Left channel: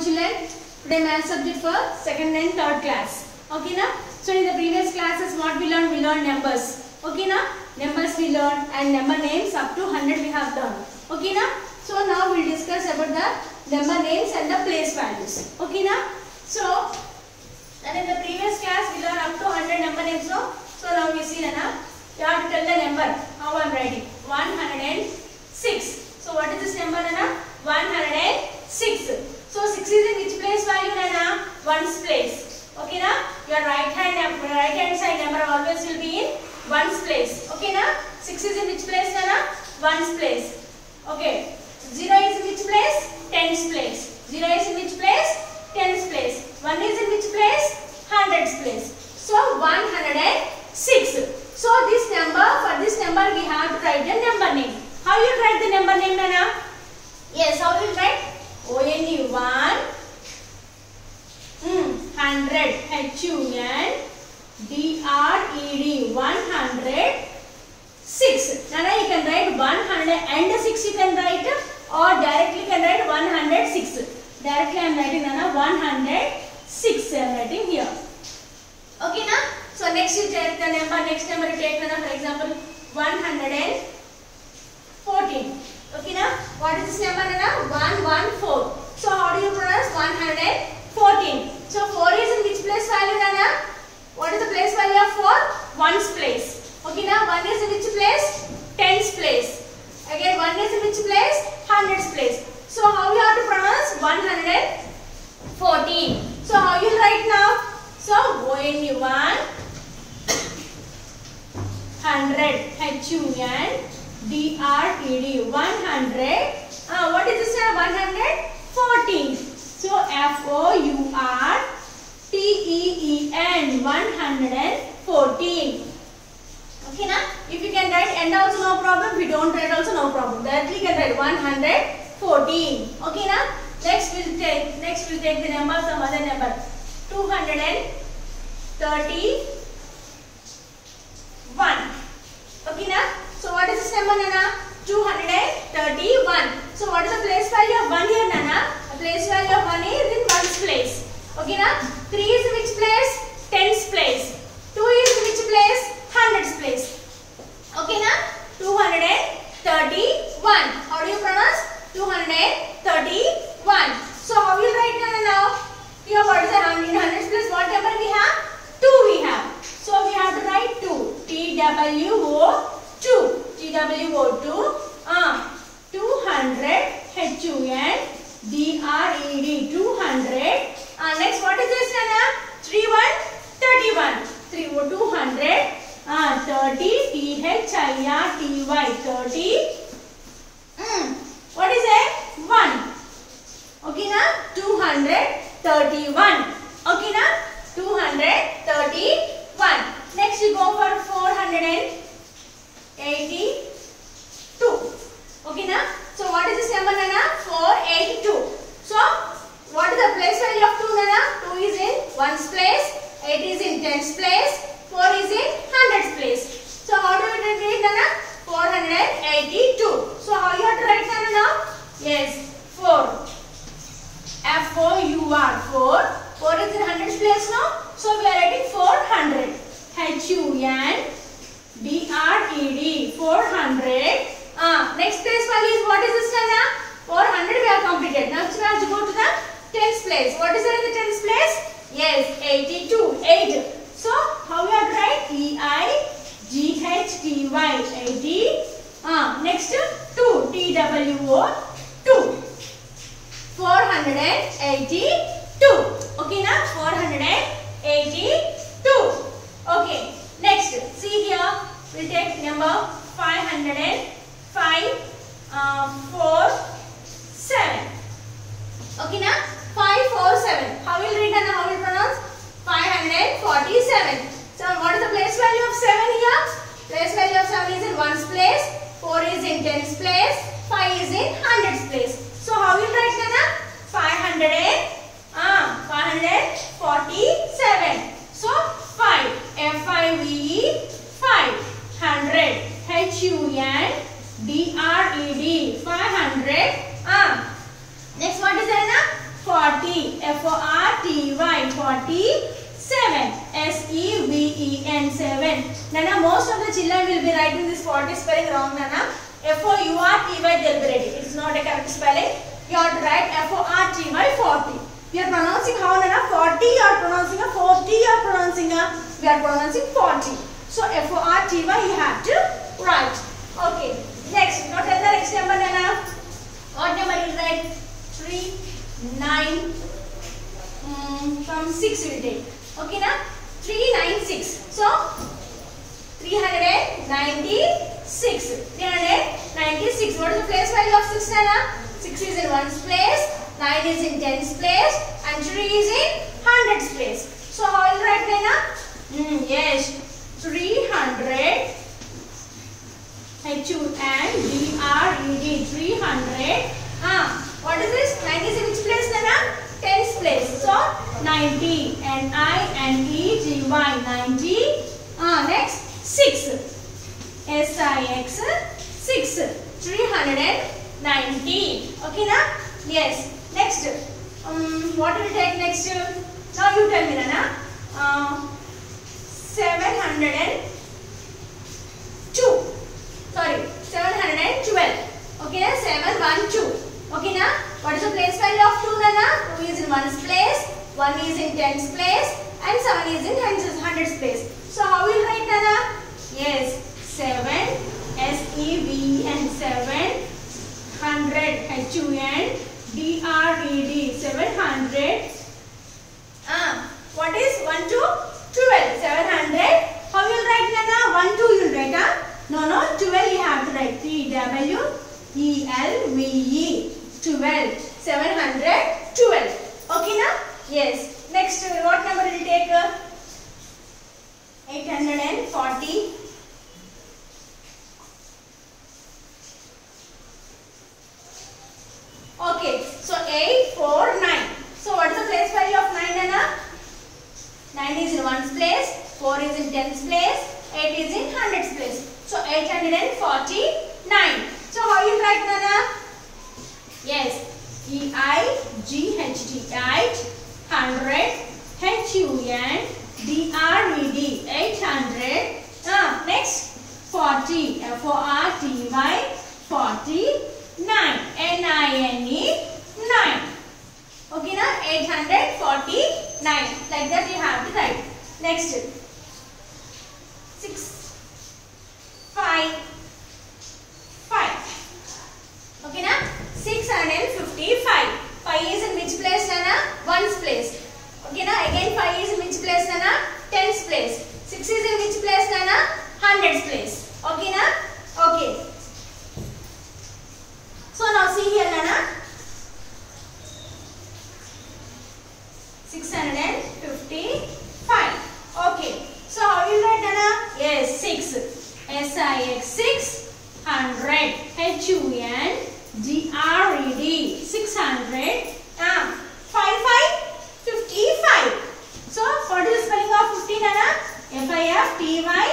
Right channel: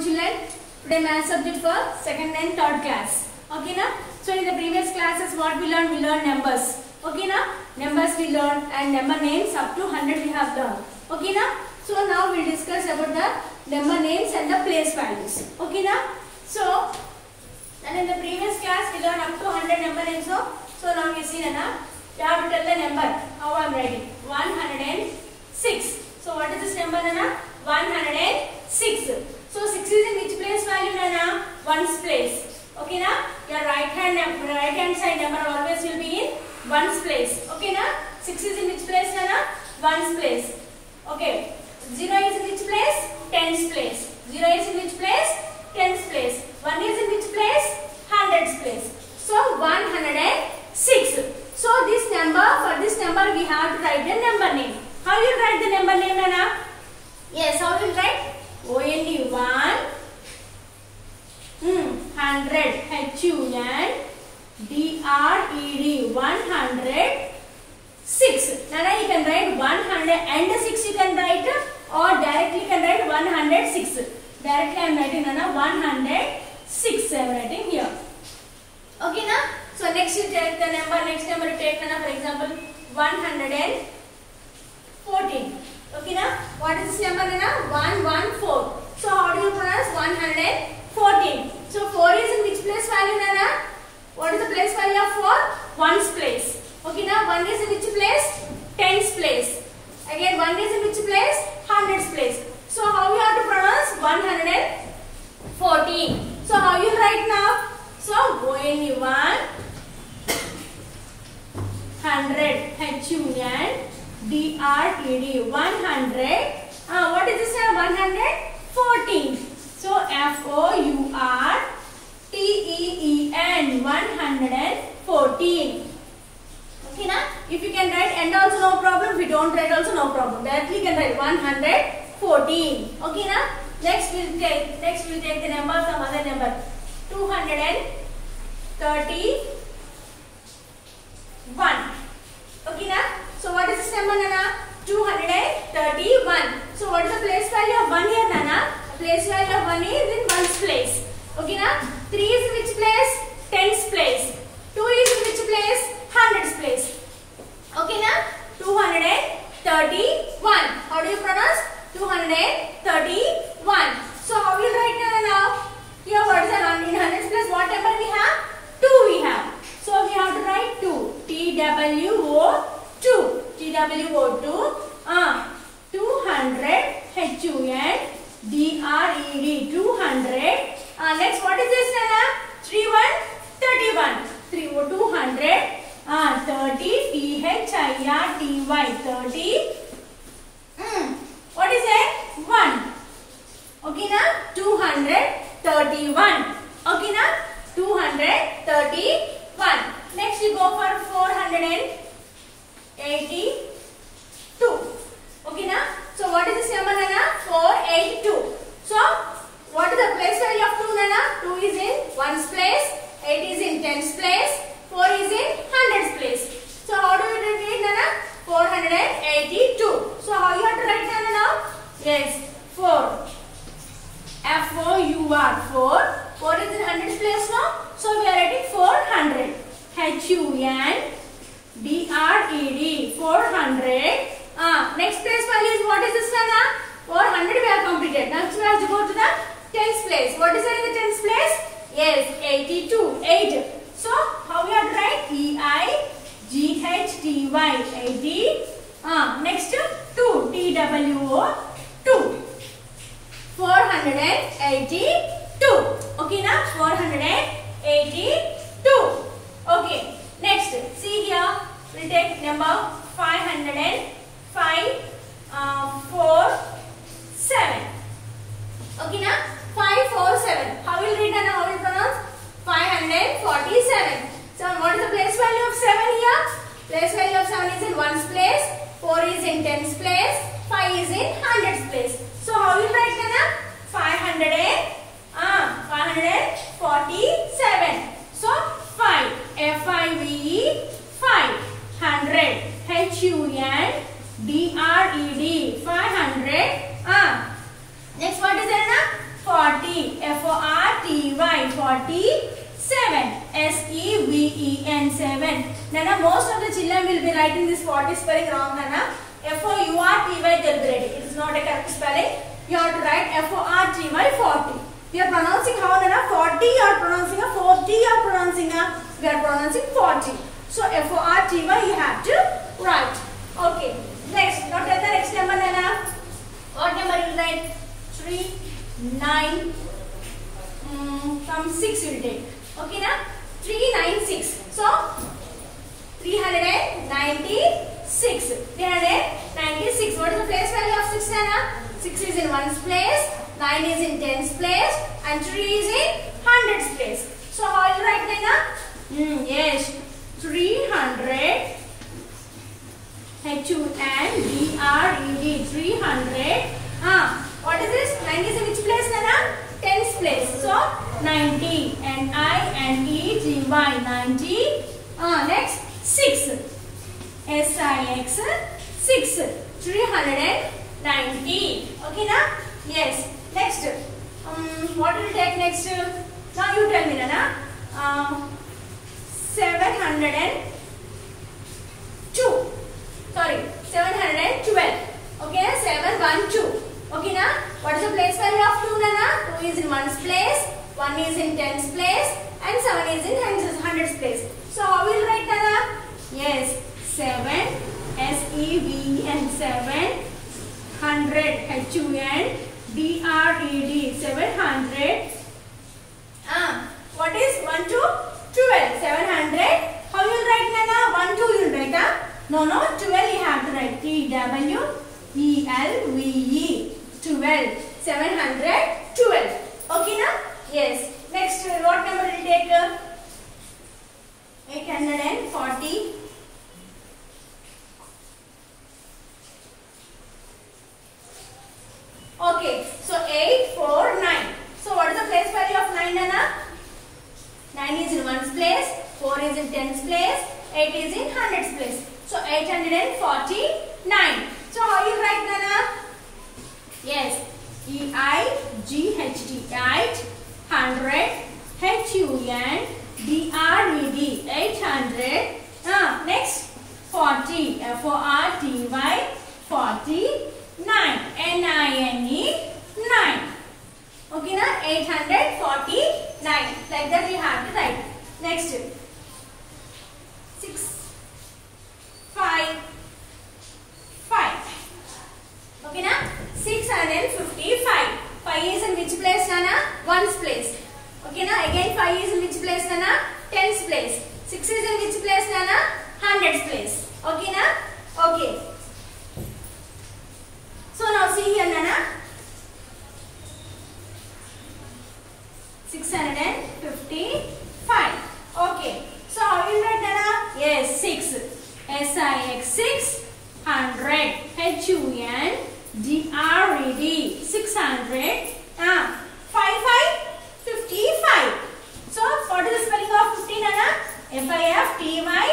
children. Today math subject for second and third class. Okay na? So in the previous classes what we learned? We learned numbers. Okay na? Numbers we learned and number names up to 100 we have done. Okay na? So now we'll discuss about the number names and the place values. Okay na? So and in the previous class we learned up to 100 number names. So now we see na you have to tell the number. How I am writing? 106. So what is this number na? 106. So 6 is in which place value na? Ones place. Okay na? Your right hand side number always will be in ones place. Okay na? 6 is in which place na? Ones place. Okay. 0 is in which place? Tens place. 0 is in which place? Tens place. 1 is in which place? Hundreds place. So 106. So this number, for this number we have to write the number name. How you write the number name na? Yes, how will you write? ONE 100 HUNDRED 106. Nana you can write 106 you can write or directly you can write 106. Directly I am writing Nana 106 I am writing here. Okay na? So next you take the number, next number you take Nana, for example 114. Okay na? What is this number Nana? 114. So how do you pronounce 114? So 4 is in which place value Nana? What is the place value of 4? Ones place. Okay na? 1 is in which place? Tens place. Again 1 is in which place? Hundreds place. So how you have to pronounce 114? So how you write now? So ONE 100 HUNDRED 100. What is this 114? So FOURTEEN 114. Okay na? If you can write end also no problem. If you don't write also no problem. Directly you can write 114. Okay na? Next we'll take the number from other number. 231. Okay na? So what is this number Nana? 231. So what is the place value of 1 here Nana? The place value of 1 is in ones place. Okay na? 3 is in which place? Tens place. 2 is in which place? Hundreds place. Okay na? 231. How do you pronounce? 231. So how will you write Nana now? Here what is the in hundreds place? What number we have? 2 we have. So we have to write 2. TWO2. 200 HUNDRED 200. Next what is this Nana? 31. 200 30 THIRTY 30. What is it? 1. Okay na? 231. Okay na? 231. Next we go for 482. Okay na? So what is this number Nana? 482. So what is the place value of 2 Nana? 2 is in ones place, 8 is in tens place, 4 is in hundreds place. So how do we read Nana? 482. So how you have to write Nana now? Yes, 4. FOUR 4. 4 is in hundreds place now. So we are writing 400. HUNDRED 400. Next place value is what is this Nana? 400 we have completed. Next we have to go to the tens place. What is there in the tens place? Yes, 82. 8. So how we have to write? EIGHTY 80. Next 2. TWO 2. 482. Okay na? 482. Okay. Next, see here. We'll take number 547. Okay na? 547. How will you read and how will you pronounce? 547. So what is the place value of 7 here? Place value of 7 is in ones place, 4 is in tens place, 5 is in hundreds place. So how will you write Nana? 547. So 5. FIVE 5. 100. HUNDRED 500. Next what is there Nana? 40. F-O-R-T-Y. 47. S-E-V-E-N. 7. Nana, most of the children will be writing this 40 spelling wrong, Nana. F-O-U-R-T-Y they will be writing. It is not a correct spelling. You have to write F-O-R-T-Y 40. We are pronouncing how, Nana? 40 you are pronouncing a 40 you are pronouncing a, we are pronouncing 40. So F-O-R-T-Y you have to write. Okay. Next. Now tell the next number, Nana. What number you write? 3, 9, from 6 you will take. Okay, na? 3, 9, 6. So 396. 396. What is the place value of 6, Nana? 6 is in 1's place, 9 is in 10's place, and 3 is in 100's place. So how will you write, Nana? Yes, 300. H-U-N-D-R-E-D. 300. What is this? 90 is in which place, Nana? 10's place. So 90. N-I-N-E-T-Y. 90. Next 6. S-I-X. 6. 390. Okay, na? Yes. Next. What will take next? Now you tell me, Nana. 702. Sorry, 712. Okay, 712. Okay, na? What is the place value of 2, Nana? 2 is in 1's place, 1 is in 10's place, and 7 is in 100's place. So how will you write, Nana? Yes, 7, S-E-V-N, 700, H-U-N-D-R-E-D, 700. What is 1 to 12? 700. How you will write, Nana? 1, 2 you will write, huh? No, 12 you have to write. T-W-E-L-V-E. 12. 712. Okay, na? Yes. Next, what number will take? 840. Okay, so 849. So what is the place value of 9, Nana? 9 is in 1's place, 4 is in 10's place, 8 is in 100's place. So 849. So how you write, Nana? Yes, E-I-G-H-T, 800, H-U-N-D-R-E-D, 800. Next, 40, F-O-R-T-Y, 49, N-I-N-E, 9. Okay, na? 849. Like that you have to write. Next, 6, 5, 5. Okay, na? 655. 5 is in which place, Nana? 1's place. Okay, na? Again 5 is in which place, Nana? 10's place. 6 is in which place, Nana? 100's place. Okay, na? Okay. So now see here, Nana. 655. Okay. So how will you write, Nana? Yes, 6. S-I-X, 600. H-U-N-D-R-E-D, 600. 55. So what is the spelling of 50, Nana? F-I-F-T-Y,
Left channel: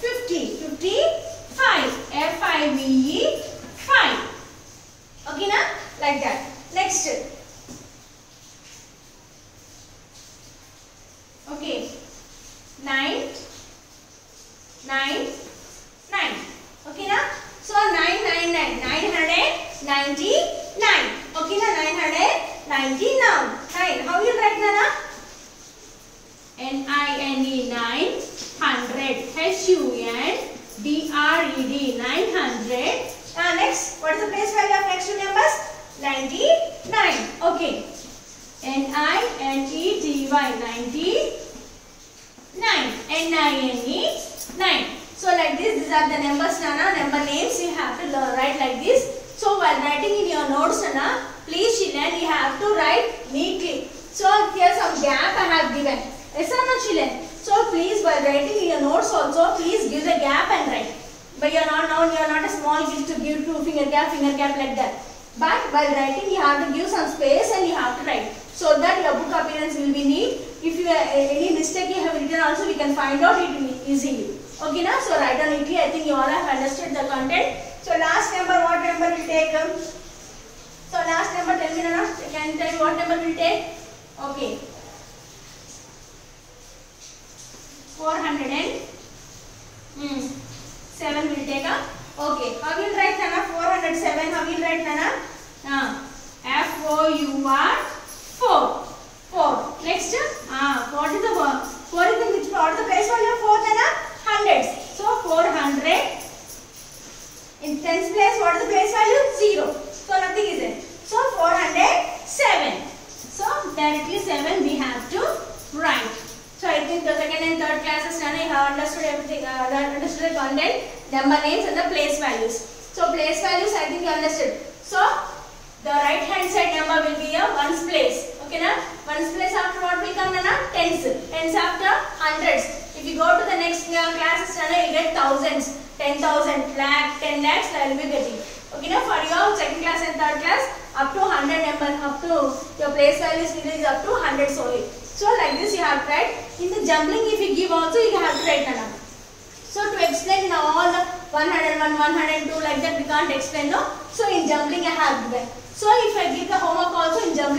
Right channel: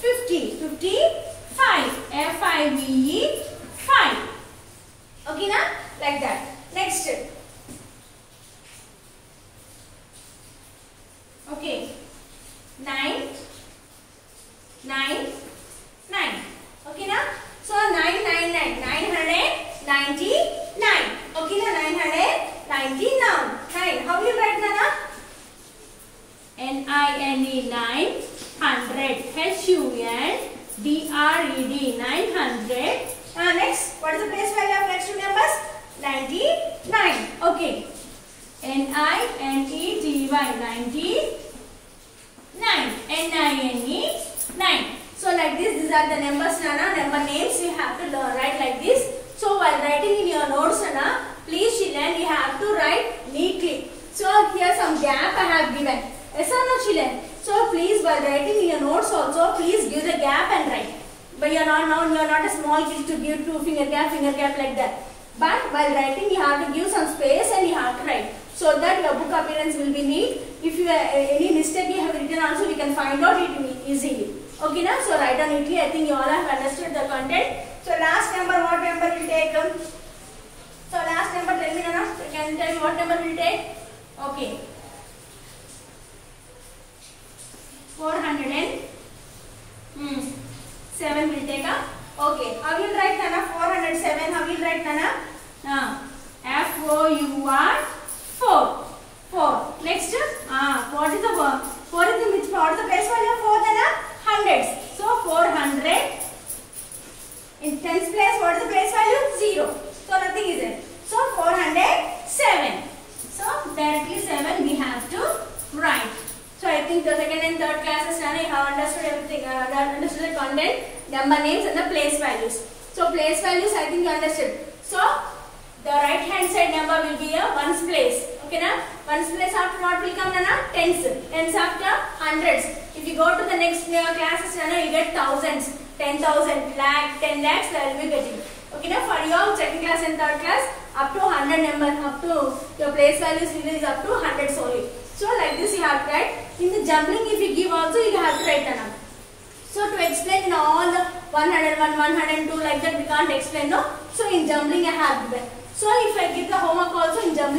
50. 55. F-I-V-E, 5. Okay, na? Like that. Next. Okay. 9. Okay, na? So 999. 999. Okay, na? 999. How you write, Nana? N-I-N-E, 900. H-U-N-D-R-E-D, 900. Next, what is the place value of next two numbers? 99. Okay. N-I-N-E-T-Y, 99. N-I-N-E, 9. So like this, these are the numbers, Nana. Number names you have to write like this. So while writing in your notes, Nana, please children, you have to write neatly. So here some gap I have given. Yes or no, children? So please, while writing in your notes also, please give the gap and write. But you are not a small kid to give two finger gap like that. But while writing, you have to give some space and you have to write, so that your book appearance will be neat. If you any mistake you have written also, we can find out it easily. Okay, na? So write down neatly. I think you all have understood the content. So last number, what number will take? So last number, tell me, Nana. Can you tell me what number will take? classes, you have understood everything, understood the content, number names and the place values. So place values I think you understood. So the right hand side number will be a ones place. Okay na? Ones place after what will come na? Tens. Tens after hundreds. If you go to the next classes, you get thousands, 10,000, lakh, 10 lakhs, you will be getting. Okay na? For your second class and third class, up to 100 number, up to your place values is up to 100 solely. So like this you have to write. In the jumbling, if you give also, you have to write the number. So to explain in all the 101, 102 like that we can't explain, no. So in jumbling I have given. So if I give the homework also in jumbling.